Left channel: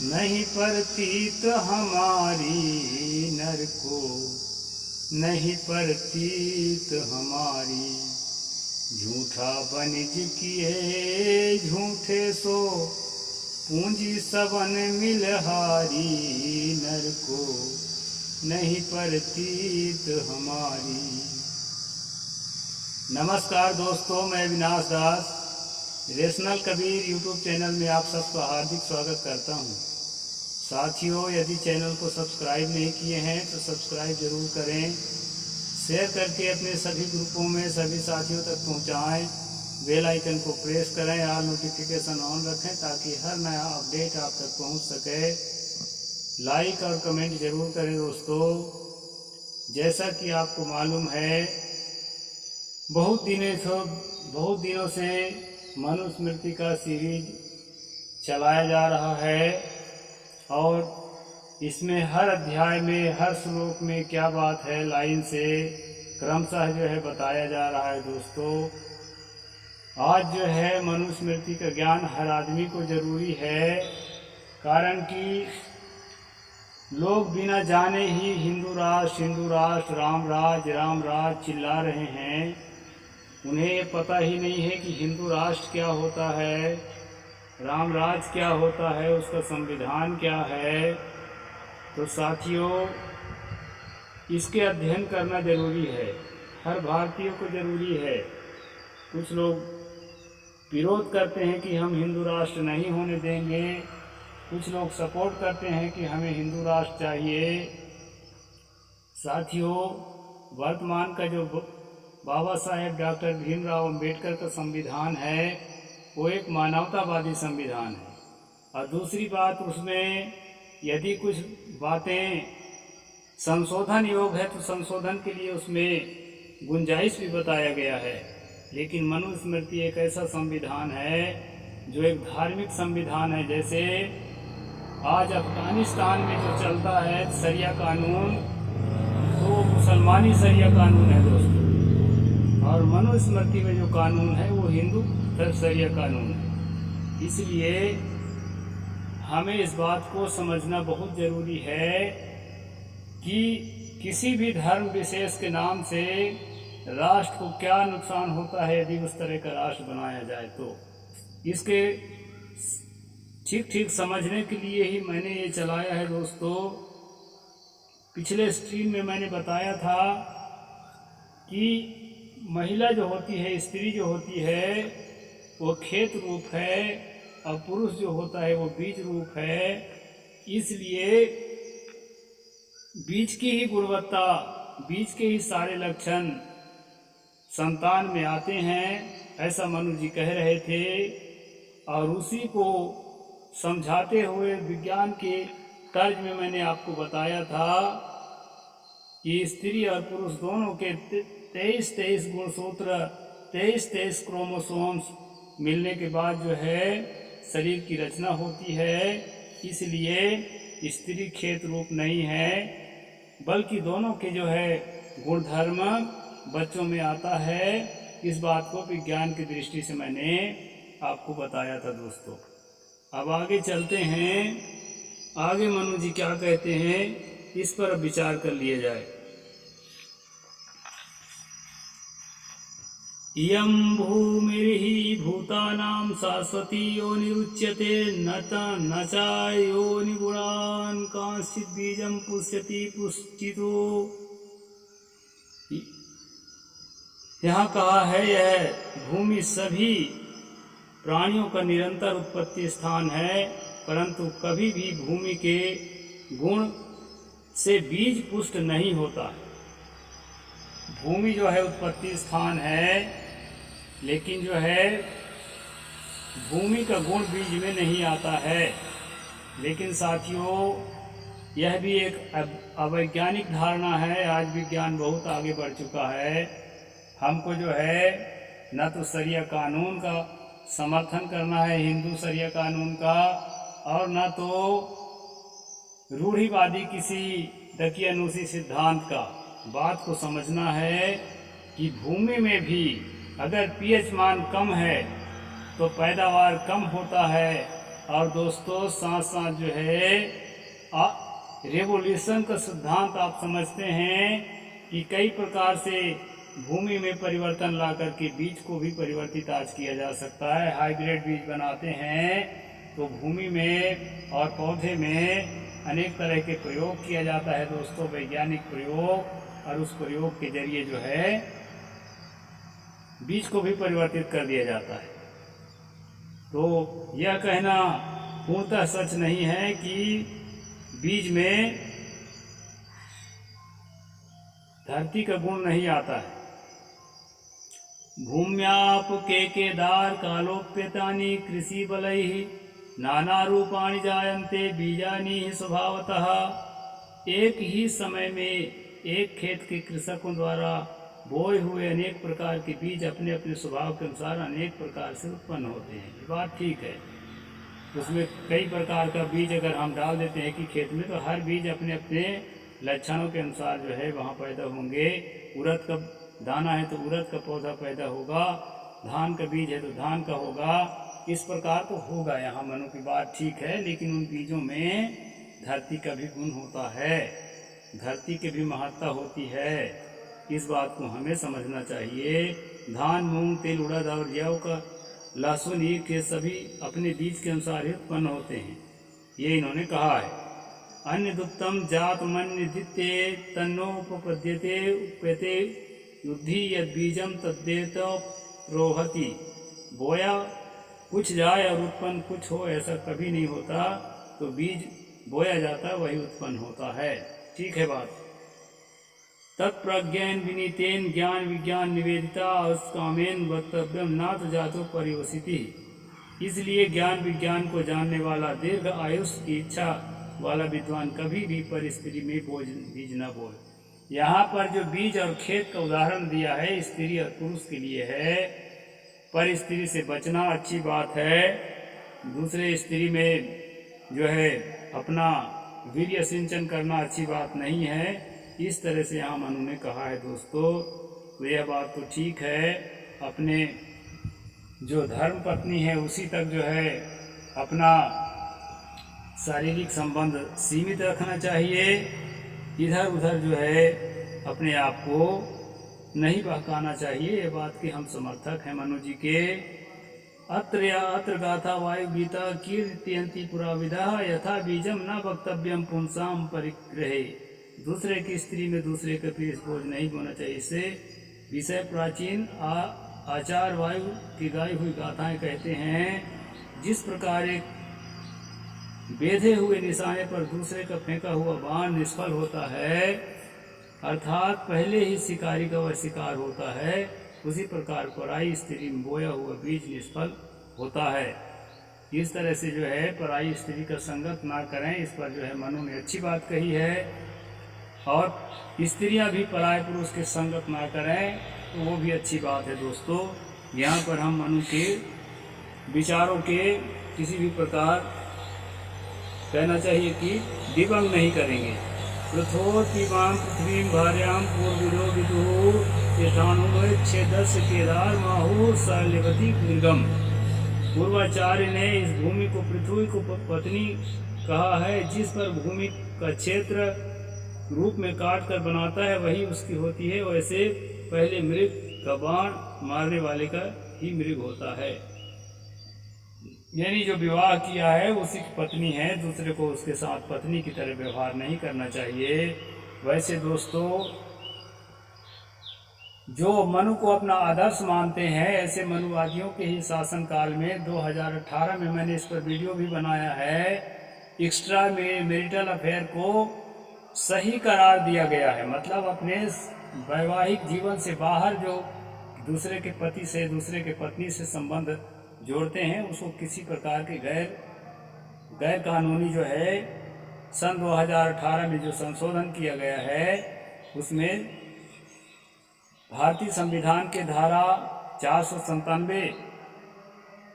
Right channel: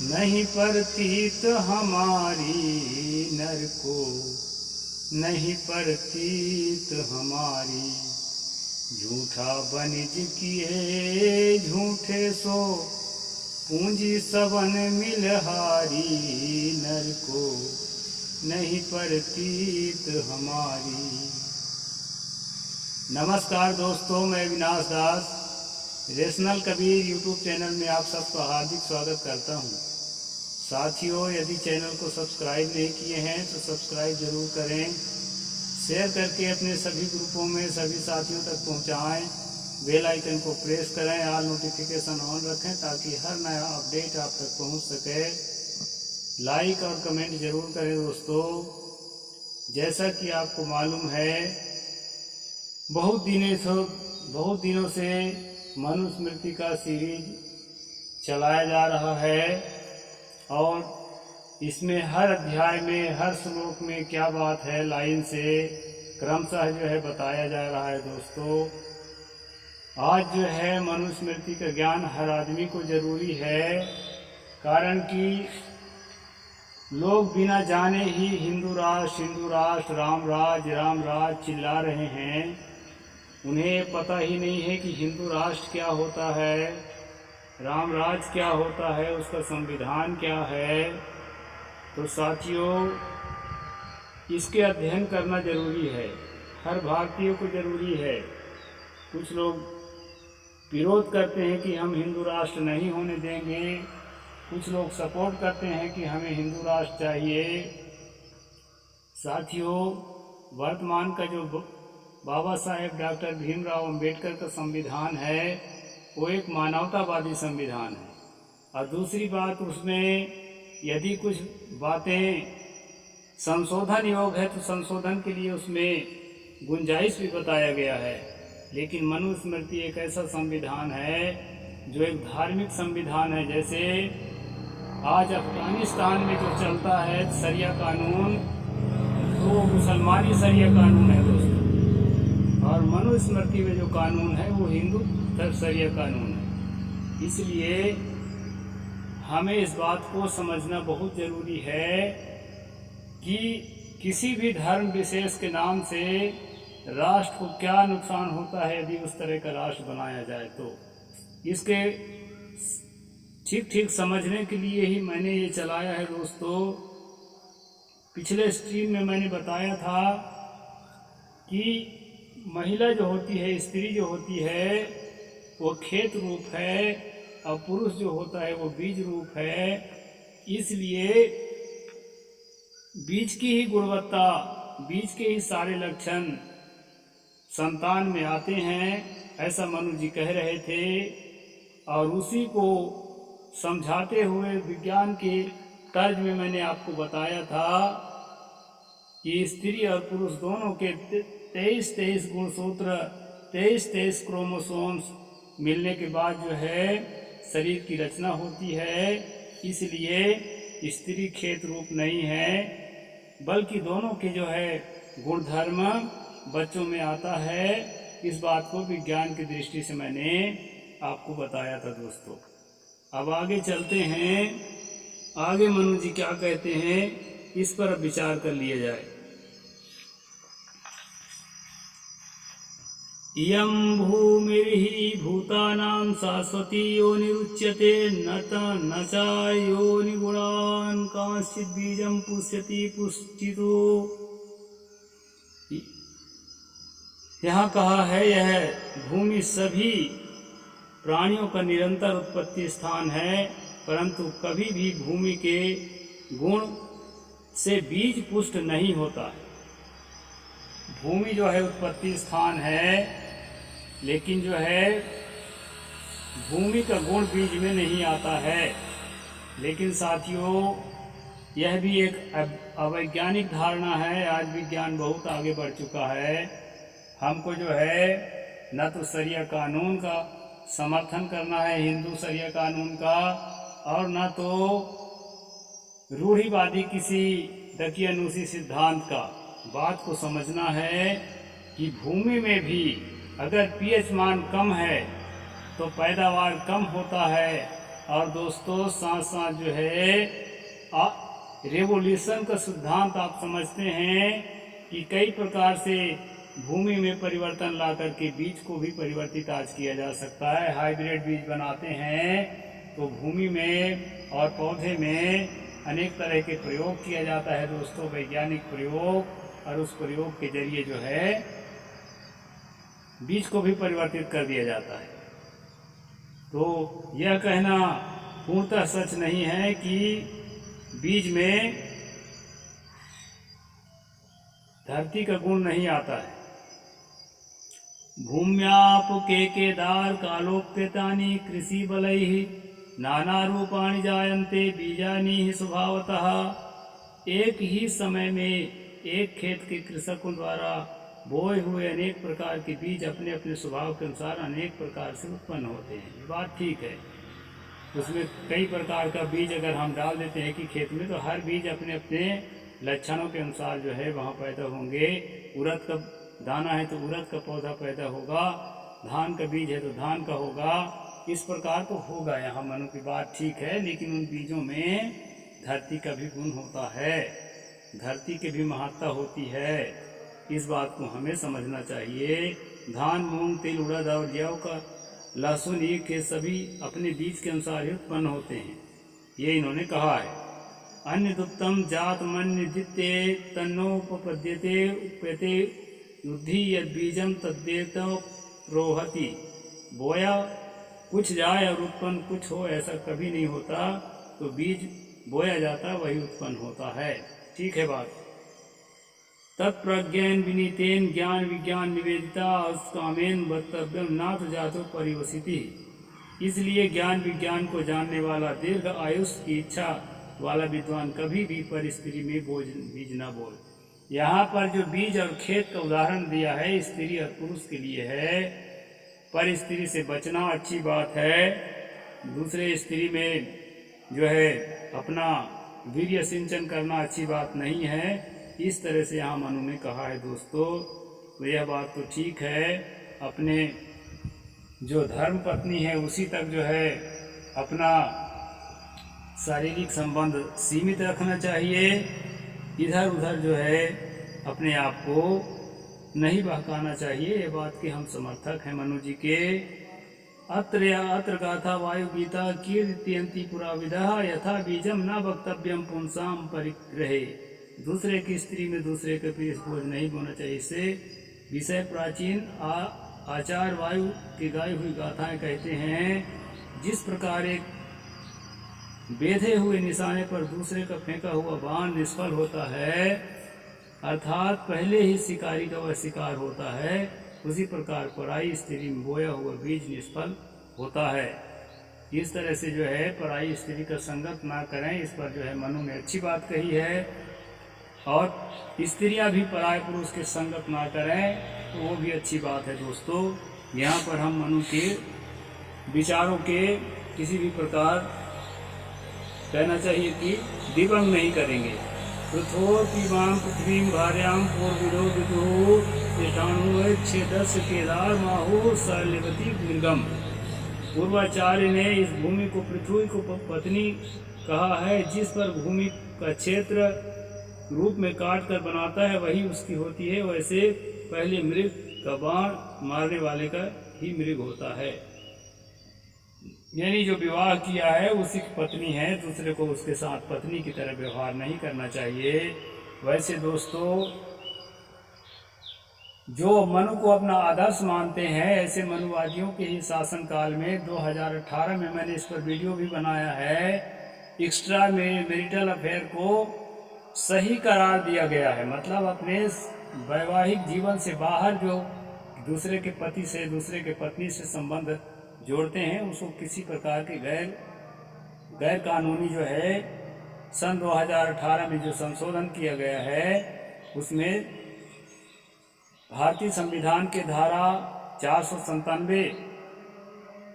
नहीं परतीत हमारी नर को, नहीं परतीत हमारी। झूठा बनिज किए झूठे सो, पूंजी सबन मिलहारी। नर को नहीं परतीत हमारी। नमस्कार दोस्तों, मैं विनाश दास रेशनल कबीर यूट्यूब चैनल में आप सबका हार्दिक स्वागत करता हूं। साथियों, यदि चैनल को सब्सक्राइब नहीं किए हैं तो सब्सक्राइब ज़रूर करें, शेयर करके अपने सभी ग्रुपों में सभी साथियों तक पहुंचाएं। बेल आइकन को प्रेस करें, ऑल नोटिफिकेशन ऑन रखें ताकि हर नया अपडेट आप तक पहुंच सके। लाइक और कमेंट ज़रूर करें दोस्तों। जैसा कि आपको मालूम है, बहुत दिनों से मनुस्मृति का सीरीज चलाया जा रहा है और इसमें हर अध्याय में हर श्लोक में क्या बात है लाइन से क्रमशः जो है बताया जा रहा है दोस्तों। आज जो है मनुस्मृति का ज्ञान हर आदमी को ज़रूरी है, कारण कि लोग बिना जाने ही हिंदू राष्ट्र राम राज चिल्ला रहे हैं। उन्हें पता ही नहीं है कि हिंदू राष्ट्र क्या होता है, राम राज क्या होता है, उसका संविधान क्या है। तो साथियों, इसके अध्ययन करना ज़रूरी है, हर भारतीय को ज़रूरी है। कुछ लोग विरोध करते हैं कि हम हिंदू राष्ट्र नहीं होने देंगे, कुछ लोग सपोर्ट करते हैं कि हमें हिंदू राष्ट्र चाहिए। साथियों, वर्तमान का जो बाबा साहेब डॉक्टर भीमराव अंबेडकर का संविधान है वो एक मानवतावादी संविधान है। और दूसरी बात, उसमें यदि कुछ बातें संशोधन योग है तो संशोधन के लिए उसमें गुंजाइश भी बताया गया है। लेकिन मनुस्मृति एक ऐसा संविधान है जो एक धार्मिक संविधान है। जैसे आज अफगानिस्तान में जो चलता है शरिया कानून, तो मुसलमानी शरिया कानून है दोस्तों, और मनुस्मृति में जो कानून है वो हिंदू शरिया कानून है। इसलिए हमें इस बात को समझना बहुत ज़रूरी है कि किसी भी धर्म विशेष के नाम से राष्ट्र को क्या नुकसान होता है यदि उस तरह का राष्ट्र बनाया जाए। तो इसके ठीक समझने के लिए ही मैंने ये चलाया है दोस्तों। पिछले स्ट्रीम में मैंने बताया था कि महिला जो होती है, स्त्री जो होती है, वो खेत रूप है और पुरुष जो होता है वो बीज रूप है। इसलिए बीज की ही गुणवत्ता, बीज के ही सारे लक्षण संतान में आते हैं, ऐसा मनु जी कह रहे थे। और उसी को समझाते हुए विज्ञान के तर्ज में मैंने आपको बताया था कि स्त्री और पुरुष दोनों के 23 गुणसूत्र, 23 क्रोमोसोम्स मिलने के बाद जो है शरीर की रचना होती है। इसलिए स्त्री खेत रूप नहीं है, बल्कि दोनों के जो है गुणधर्म बच्चों में आता है। इस बात को विज्ञान की दृष्टि से मैंने आपको बताया था दोस्तों। अब आगे चलते हैं, आगे मनु जी क्या कहते हैं इस पर अब विचार कर लिया जाए। इयं भूमिर्हि भूतानां शाश्वती योनिरुच्यते न च योनिगुणान् कांश्चित् बीजं पुष्यति पुष्टितो। यहाँ कहा है यह भूमि सभी प्राणियों का निरंतर उत्पत्ति स्थान है, परंतु कभी भी भूमि के गुण से बीज पुष्ट नहीं होता है। भूमि जो है उत्पत्ति स्थान है, लेकिन जो है भूमि का गुण बीज में नहीं आता है। लेकिन साथियों, यह भी एक अवैज्ञानिक धारणा है। आज विज्ञान बहुत आगे बढ़ चुका है। हमको जो है न तो शरिया कानून का समर्थन करना है, हिंदू शरिया कानून का, और न तो रूढ़िवादी किसी दकियानूसी सिद्धांत का। बात को समझना है कि भूमि में भी अगर पीएच मान कम है तो पैदावार कम होता है, और दोस्तों साथ साथ जो है रेवोल्यूशन का सिद्धांत आप समझते हैं कि कई प्रकार से भूमि में परिवर्तन ला करके बीज को भी परिवर्तित आज किया जा सकता है। हाइब्रिड बीज बनाते हैं तो भूमि में और पौधे में अनेक तरह के प्रयोग किया जाता है दोस्तों, वैज्ञानिक प्रयोग, और उस प्रयोग के जरिए जो है बीज को भी परिवर्तित कर दिया जाता है। तो यह कहना पूर्णतः सच नहीं है कि बीज में धरती का गुण नहीं आता है। भूम्याप के केदार कालोप्यतानि कृषि बलैहि नाना रूपाणि जायन्ते बीजानि स्वभावतः। एक ही समय में एक खेत के कृषकों द्वारा बोए हुए अनेक प्रकार के बीज अपने अपने स्वभाव के अनुसार अनेक प्रकार से उत्पन्न होते हैं। ये बात ठीक है। उसमें कई प्रकार का बीज अगर हम डाल देते हैं कि खेत में, तो हर बीज अपने अपने लक्षणों के अनुसार जो है वहाँ पैदा होंगे। उड़द का दाना है तो उड़द का पौधा पैदा होगा, धान का बीज है तो धान का होगा, इस प्रकार तो होगा। यहाँ मनु की बात ठीक है, लेकिन उन बीजों में धरती का भी गुण होता है, धरती की भी महत्ता होती है। इस बात को हमें समझना चाहिए। धान, मूंग, तिल, उड़द और जौ का, लहसुन, ये के सभी अपने बीज के अनुसार ही उत्पन्न होते हैं, ये इन्होंने कहा है। अन्य दुप्तम जात मन्य द्वितीय तन्नोपपद्यते उप्यते युद्धि यद बीजम तद्देत प्रोहति। बोया कुछ जाए और उत्पन्न कुछ हो, ऐसा कभी नहीं होता। तो बीज बोया जाता है वही उत्पन्न होता है। ठीक है बात। तत्प्रज्ञान विनीतेन ज्ञान विज्ञान निवेदिता कामेन वक्तव्यम नाथ जातो परिवसिति। इसलिए ज्ञान विज्ञान को जानने वाला दीर्घ आयुष की इच्छा वाला विद्वान कभी भी पर स्त्री में बीज न बोए। यहाँ पर जो बीज और खेत का उदाहरण दिया है स्त्री और पुरुष के लिए है। पर स्त्री से बचना अच्छी बात है, दूसरे स्त्री में जो है अपना वीर्य सिंचन करना अच्छी बात नहीं है। इस तरह से यहाँ मनु ने कहा है दोस्तों। तो यह बात तो ठीक है, अपने जो धर्म पत्नी है उसी तक जो है अपना शारीरिक संबंध सीमित रखना चाहिए। इधर उधर जो है अपने आप को नहीं बहकाना चाहिए। ये बात के हम समर्थक हैं मनु जी के। अत्र गाथा वायु गीता कीर्तयन्ति पुरा विदा यथा बीजम न वक्तव्यम पुंसाम परिग्रहे। दूसरे की स्त्री में दूसरे के पीस बोझ नहीं बोना चाहिए। इससे विषय प्राचीन आचार वायु की गाई हुई गाथाएं कहते हैं। जिस प्रकार एक बेधे हुए निशाने पर दूसरे का फेंका हुआ बाण निष्फल होता है, अर्थात पहले ही शिकारी का वह शिकार होता है, उसी प्रकार पराई स्त्री में बोया हुआ बीज निष्फल होता है। इस तरह से जो है पराई स्त्री का संगत ना करें, इस पर जो है मनु ने अच्छी बात कही है। और स्त्रियां भी पराये पुरुष के संगत ना करें तो वो भी अच्छी बात है दोस्तों। यहाँ पर हम मनु के विचारों के किसी भी प्रकार कहना चाहिए कि दिवंग नहीं करेंगे। पृथ्वीमाम पृथ्वीम भार्याम पूर्विदो विदुः ईशानुच्छेदस केदार माहु शैलवती दीर्घम। पूर्वाचार्य ने इस भूमि को पृथ्वी को पत्नी कहा है। जिस पर भूमि का क्षेत्र रूप में काट कर बनाता है वही उसकी होती है। वैसे पहले मृग का बाण मारने वाले का ही मृग होता है। यानी जो विवाह किया है उसी की पत्नी है, दूसरे को उसके साथ पत्नी की तरह व्यवहार नहीं करना चाहिए। वैसे दोस्तों जो मनु को अपना आदर्श मानते हैं, ऐसे मनुवादियों के ही शासनकाल में 2018 में मैंने इस पर वीडियो भी बनाया है। एक्स्ट्रा मैरिटल अफेयर को सही करार दिया गया है। मतलब अपने वैवाहिक जीवन से बाहर जो दूसरे के पति से दूसरे के पत्नी से संबंध जोड़ते हैं उसको किसी प्रकार के गैर कानूनी जो है सन 2018 में जो संशोधन किया गया है उसमें भारतीय संविधान के धारा 497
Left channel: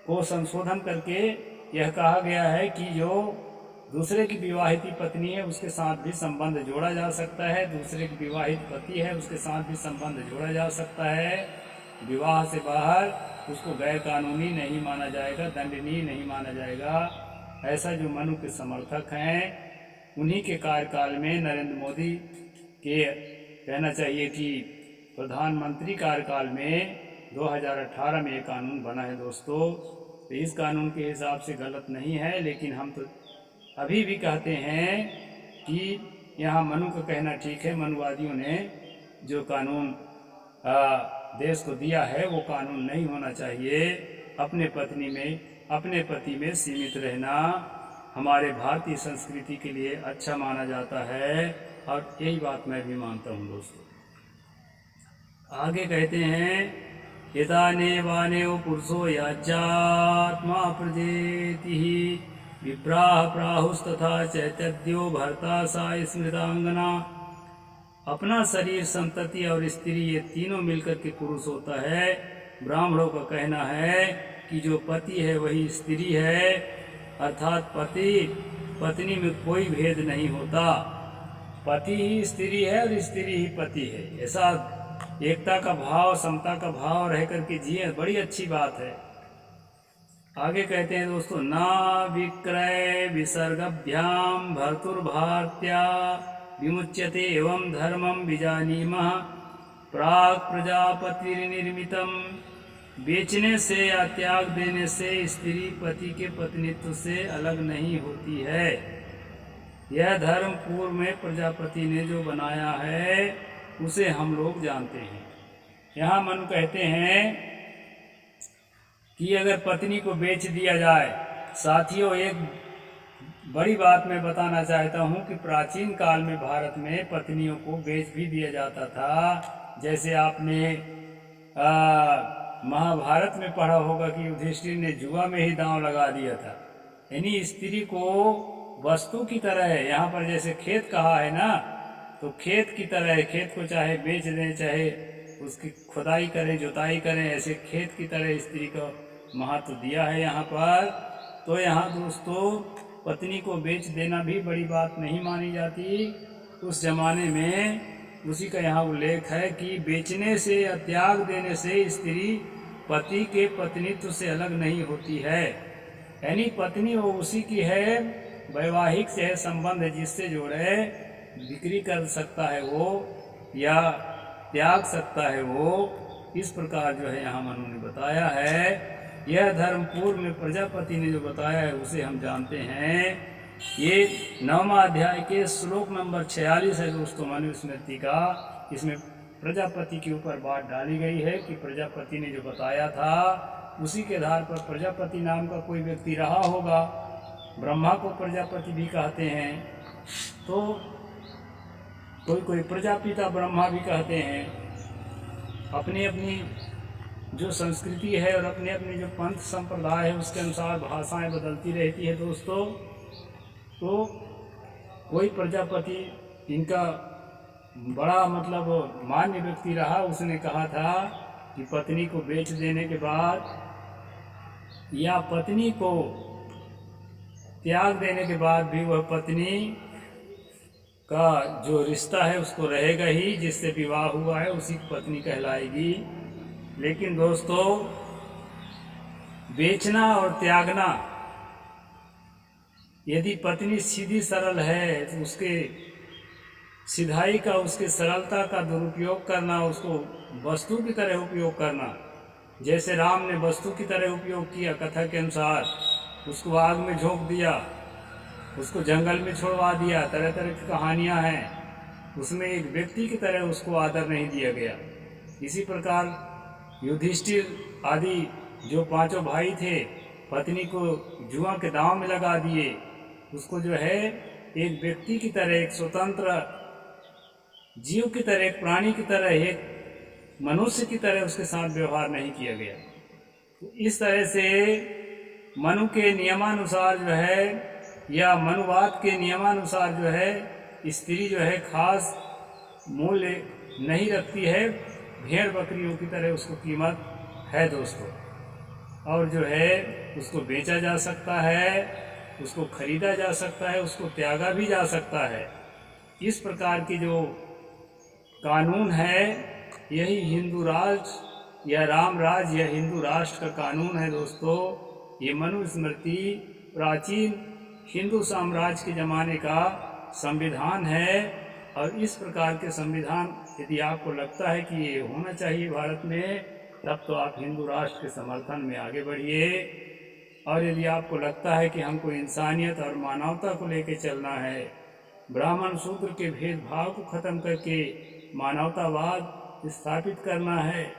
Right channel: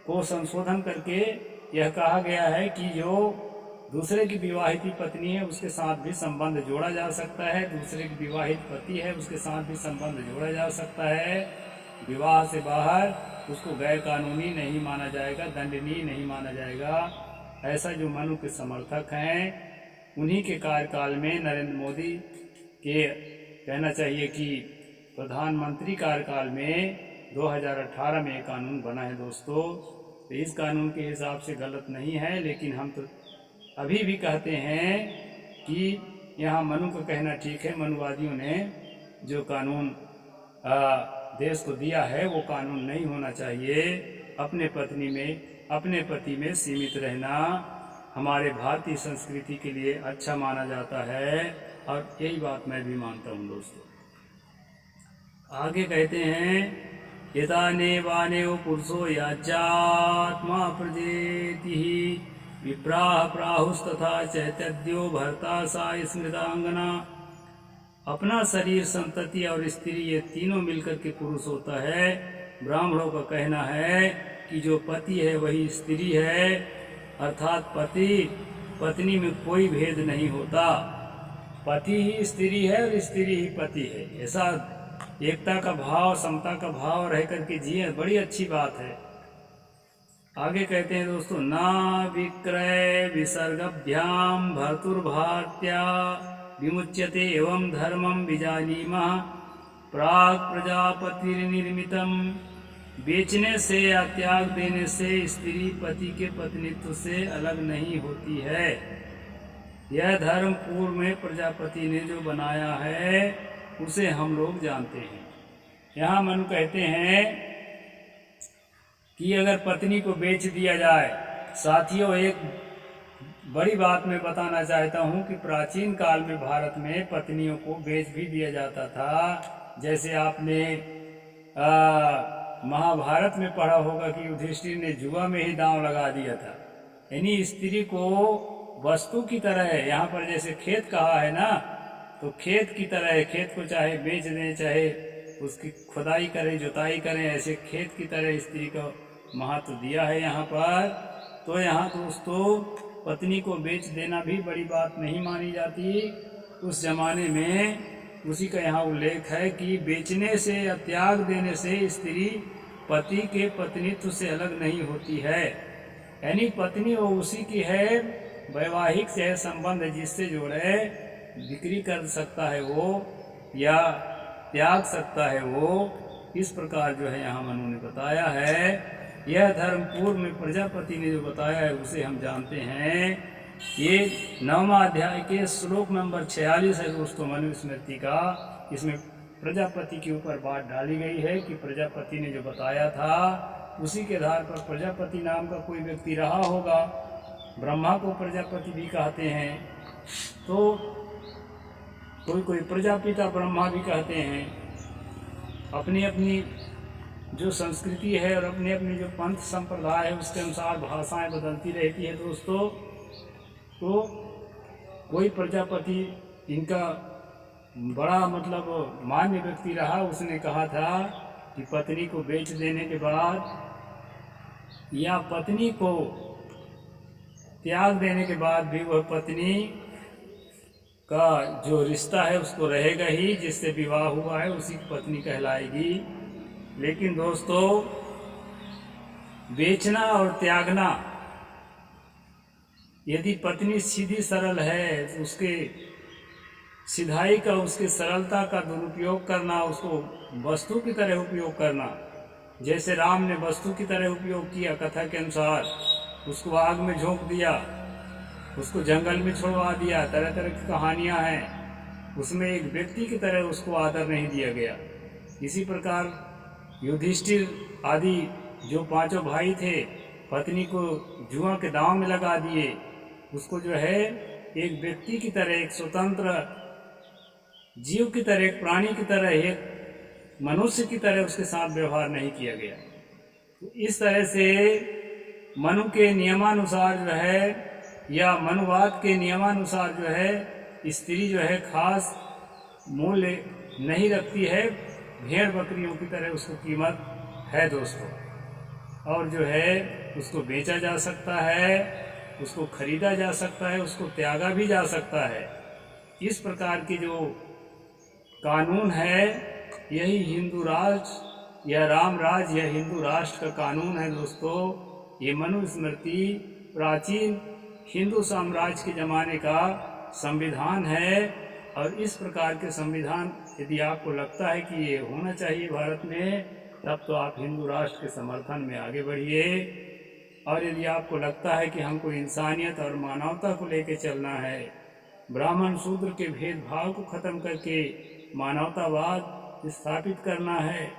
को संशोधन करके यह कहा गया है कि जो दूसरे की विवाहित पत्नी है उसके साथ भी संबंध जोड़ा जा सकता है, दूसरे की विवाहित पति है उसके साथ भी संबंध जोड़ा जा सकता है। विवाह से बाहर उसको गैर कानूनी नहीं माना जाएगा, दंडनीय नहीं माना जाएगा। ऐसा जो मनु के समर्थक हैं उन्हीं के कार्यकाल में नरेंद्र मोदी के कहना चाहिए कि प्रधानमंत्री कार्यकाल में 2018 में ये कानून बना है दोस्तों। तो इस कानून के हिसाब से गलत नहीं है, लेकिन हम तो अभी भी कहते हैं कि यहाँ मनु का कहना ठीक है। मनुवादियों ने जो कानून देश को दिया है वो कानून नहीं होना चाहिए। अपने पति में सीमित रहना हमारे भारतीय संस्कृति के लिए अच्छा माना जाता है, और यही बात मैं भी मानता हूँ दोस्तों। आगे कहते हैं यताने वानेव पुरुषो याज्यात्मा प्रजेति विप्राह प्राहुस्तथा चैतद्यो भर्ता सा स्मृतांगना। अपना शरीर, संतति और स्त्री ये तीनों मिलकर के पुरुष होता है। ब्राह्मणों का कहना है कि जो पति है वही स्त्री है, अर्थात पति पत्नी में कोई भेद नहीं होता। पति ही स्त्री है और स्त्री ही पति है। ऐसा एकता का भाव, समता का भाव रह करके जिए, बड़ी अच्छी बात है। आगे कहते हैं दोस्तों ना विक्रय विसर्गभ्याम भर्तुर्भार्त्या विमुच्यते एवं धर्मम विजानीमः प्राग प्रजापतिर्निर्मितम। बेचने से या त्याग देने से स्त्री पति के पत्नीत्व से अलग नहीं होती है। यह धर्म पूर्व में प्रजापति ने जो बनाया है उसे हम लोग जानते हैं। यहाँ मनु कहते हैं कि अगर पत्नी को बेच दिया जाए, साथियों एक बड़ी बात मैं बताना चाहता हूँ कि प्राचीन काल में भारत में पत्नियों को बेच भी दिया जाता था। जैसे आपने महाभारत में पढ़ा होगा कि युधिष्ठिर ने जुआ में ही दांव लगा दिया था। यानी स्त्री को वस्तु की तरह है। यहाँ पर जैसे खेत कहा है ना, तो खेत की तरह है। खेत को चाहे बेच दें, चाहे उसकी खुदाई करें, जुताई करें, ऐसे खेत की तरह स्त्री का महत्व दिया है यहाँ पर। तो यहाँ दोस्तों पत्नी को बेच देना भी बड़ी बात नहीं मानी जाती। उस जमाने में उसी का यहाँ उल्लेख है कि बेचने से या त्याग देने से स्त्री पति के पत्नीत्व से अलग नहीं होती है। यानी पत्नी वो उसी की है, वैवाहिक से संबंध जिससे जोड़े, बिक्री कर सकता है वो या त्याग सकता है वो। इस प्रकार जो है यहाँ मनु ने बताया है। यह धर्म पूर्व में प्रजापति ने जो बताया है उसे हम जानते हैं। ये 9वां अध्याय के श्लोक नंबर 46 है दोस्तों मनु स्मृति का। इसमें प्रजापति के ऊपर बात डाली गई है कि प्रजापति ने जो बताया था उसी के आधार पर प्रजापति नाम का कोई व्यक्ति रहा होगा। ब्रह्मा को प्रजापति भी कहते हैं, तो कोई प्रजापिता ब्रह्मा भी कहते हैं। अपनी अपनी जो संस्कृति है और अपने अपने जो पंथ संप्रदाय है उसके अनुसार भाषाएं बदलती रहती है दोस्तों। तो कोई प्रजापति इनका बड़ा मतलब मान्य व्यक्ति रहा, उसने कहा था कि पत्नी को बेच देने के बाद या पत्नी को त्याग देने के बाद भी वह पत्नी का जो रिश्ता है उसको रहेगा ही, जिससे विवाह हुआ है उसी की पत्नी कहलाएगी। लेकिन दोस्तों बेचना और त्यागना, यदि पत्नी सीधी सरल है तो उसके सिधाई का, उसके सरलता का दुरुपयोग करना, उसको वस्तु की तरह उपयोग करना, जैसे राम ने वस्तु की तरह उपयोग किया कथा के अनुसार, उसको आग में झोंक दिया, उसको जंगल में छुड़वा दिया, तरह तरह की कहानियां हैं। उसमें एक व्यक्ति की तरह उसको आदर नहीं दिया गया। इसी प्रकार युधिष्ठिर आदि जो 5 भाई थे पत्नी को जुआ के दांव में लगा दिए। उसको जो है एक व्यक्ति की तरह, एक स्वतंत्र जीव की तरह, एक प्राणी की तरह, एक मनुष्य की तरह उसके साथ व्यवहार नहीं किया गया। तो इस तरह से मनु के नियमानुसार जो है या मनुवाद के नियमानुसार जो है स्त्री जो है खास मूल्य नहीं रखती है। भेड़ बकरियों की तरह उसको कीमत है दोस्तों, और जो है उसको बेचा जा सकता है, उसको खरीदा जा सकता है, उसको त्यागा भी जा सकता है। इस प्रकार की जो कानून है यही हिंदू राष्ट्र या राम राज्य या हिंदू राष्ट्र का कानून है दोस्तों। ये मनु स्मृति प्राचीन हिंदू साम्राज्य के ज़माने का संविधान है। और इस प्रकार के संविधान यदि आपको लगता है कि ये होना चाहिए भारत में, तब तो आप हिंदू राष्ट्र के समर्थन में आगे बढ़िए। और यदि आपको लगता है कि हमको इंसानियत और मानवता को लेकर चलना है, ब्राह्मण शूद्र के भेदभाव को ख़त्म करके मानवतावाद स्थापित करना है,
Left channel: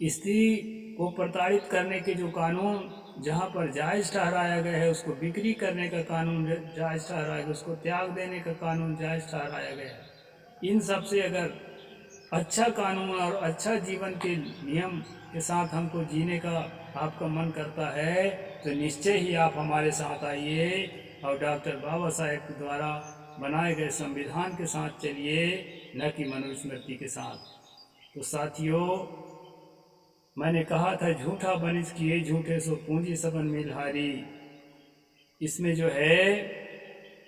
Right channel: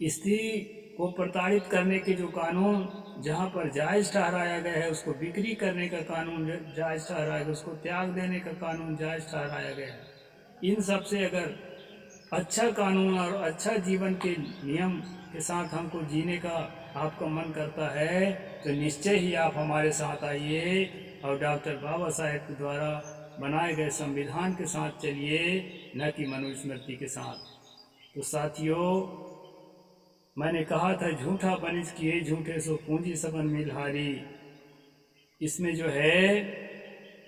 स्त्री को प्रताड़ित करने के जो कानून जहाँ पर जायज़ ठहराया गया है, उसको बिक्री करने का कानून जायज़ ठहराया गया, उसको त्याग देने का कानून जायज़ ठहराया गया है, इन सब से अगर अच्छा कानून और अच्छा जीवन के नियम के साथ हमको जीने का आपका मन करता है, तो निश्चय ही आप हमारे साथ आइए और डॉक्टर बाबा साहेब के द्वारा बनाए गए संविधान के साथ चलिए, न कि मनुस्मृति के साथ। तो साथियों, मैंने कहा था झूठा बनिज किए झूठे सो पूंजी सबन मिलहारी। इसमें जो है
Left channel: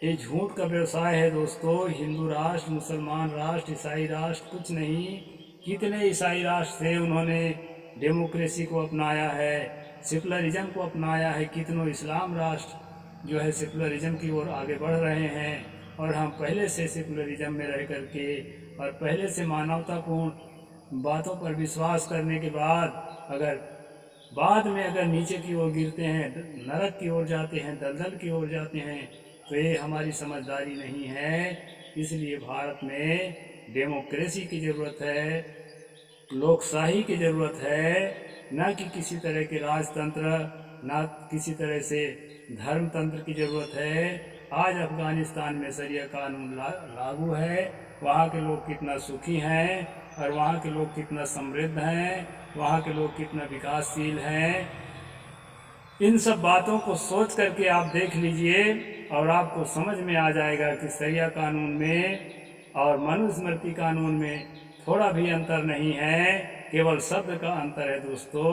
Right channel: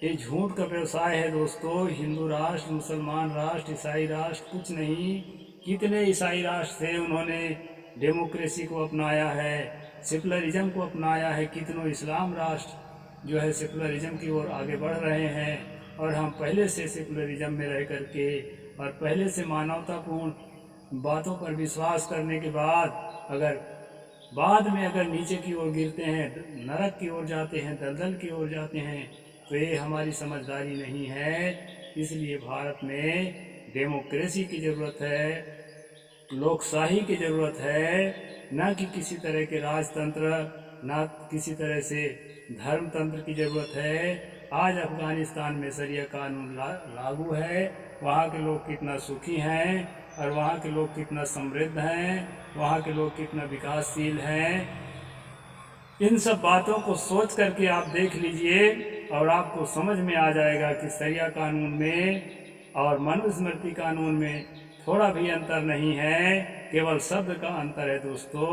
ये झूठ का व्यवसाय है दोस्तों। हिंदू राष्ट्र, मुसलमान राष्ट्र, ईसाई राष्ट्र कुछ नहीं। कितने ईसाई राष्ट्र थे, उन्होंने डेमोक्रेसी को अपनाया है, सेकुलरिज्म को अपनाया है। कितनों इस्लाम राष्ट्र जो है सेकुलरिज्म की ओर आगे बढ़ रहे हैं। और हम पहले से सेकुलरिज्म में रह करके और पहले से मानवतापूर्ण बातों पर विश्वास करने के बाद अगर बाद में अगर नीचे की ओर गिरते हैं, नरक की ओर जाते हैं, दलदल की ओर जाते हैं, तो ये हमारी समझदारी नहीं है। इसलिए भारत में डेमोक्रेसी की ज़रूरत है, लोकशाही की ज़रूरत है, न कि किसी तरह के राजतंत्र, न किसी तरह से धर्मतंत्र की ज़रूरत है। आज अफ़गानिस्तान में शरिया कानून लागू है। वहाँ के लोग कितना सुखी हैं और वहाँ के लोग कितना समृद्ध हैं, वहाँ के लोग कितना विकासशील हैं। इन सब बातों को सोच करके आप देख लीजिए और आपको समझ में आ जाएगा कि शरिया कानून में और मनुस्मृति कानून में थोड़ा भी अंतर नहीं है, केवल शब्द का अंतर है दोस्तों।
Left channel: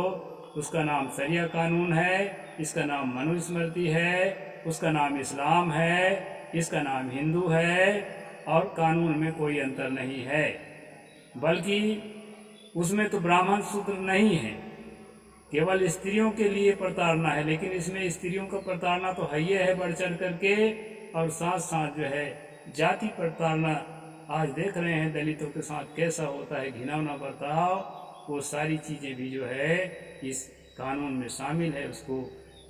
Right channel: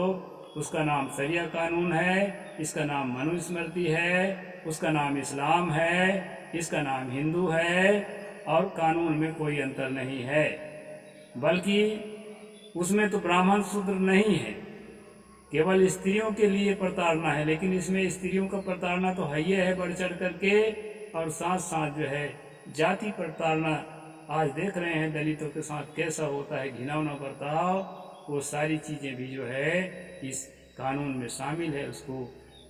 उसका नाम शरिया कानून है, इसका नाम मनुस्मृति है, उसका नाम इस्लाम है, इसका नाम हिंदू है। और कानून में कोई अंतर नहीं है, बल्कि उसमें तो ब्राह्मण शूद्र नहीं है, केवल स्त्रियों के लिए प्रताड़ना है। लेकिन इसमें स्त्रियों का प्रताड़ना तो है ही है बढ़ चढ़ करके, और साथ साथ जो है जाति प्रताड़ना आज देख रहे हैं दलितों के साथ कैसा होता है, घिनौना बर्ताव। वो सारी चीज़ें भी जो है इस कानून में शामिल है, उसको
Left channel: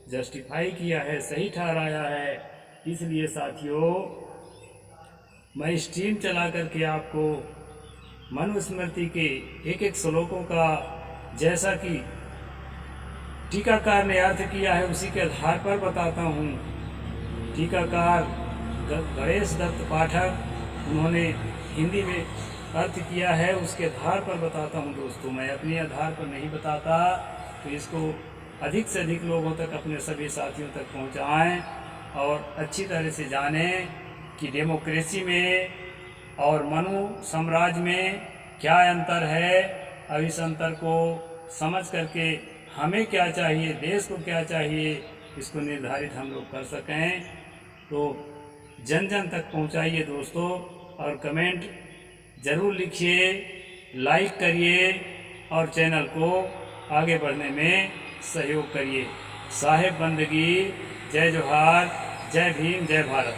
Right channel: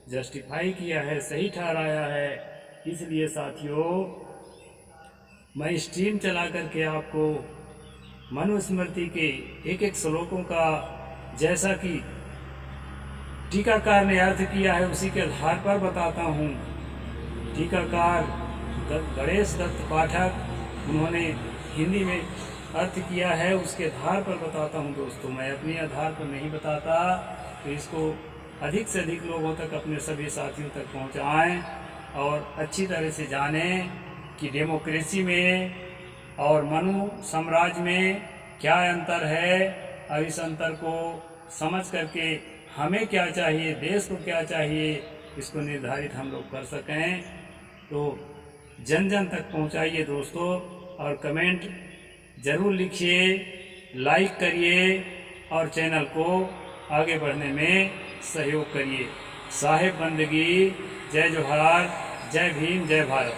जस्टिफाई किया है, सही ठहराया है। इसलिए साथियों, मैं स्ट्रीम चला करके आपको मनुस्मृति के एक एक श्लोकों का जैसा कि टीकाकार ने अर्थ किया है उसी के आधार पर बताता हूँ। टीकाकार गणेश दत्त पाठक, उन्होंने हिंदी में अर्थ किया है, उसके आधार पर बताता हूँ दोस्तों। मैं अपने आधार पर नहीं बताता। तो इसको अधिक से अधिक लोगों तक, अपने सभी साथियों तक पहुँचाएँ और अच्छी तरह से जानें कि डेमोक्रेसी में और मनु साम्राज्य में क्या अंतर है। और इस अंतर को समझ करके हमें क्या चाहिए, देश को क्या चाहिए, इसको निर्धारित हम लोग कर सकें। तो जन जन तक पहुंचाइए दोस्तों, और कमेंट ज़रूर लिखिए, लाइक करिए और चैनल को आगे बढ़ने में सहयोग करिए। साहेब बंदगी, जय जोहार, जय भीम, जय भारत।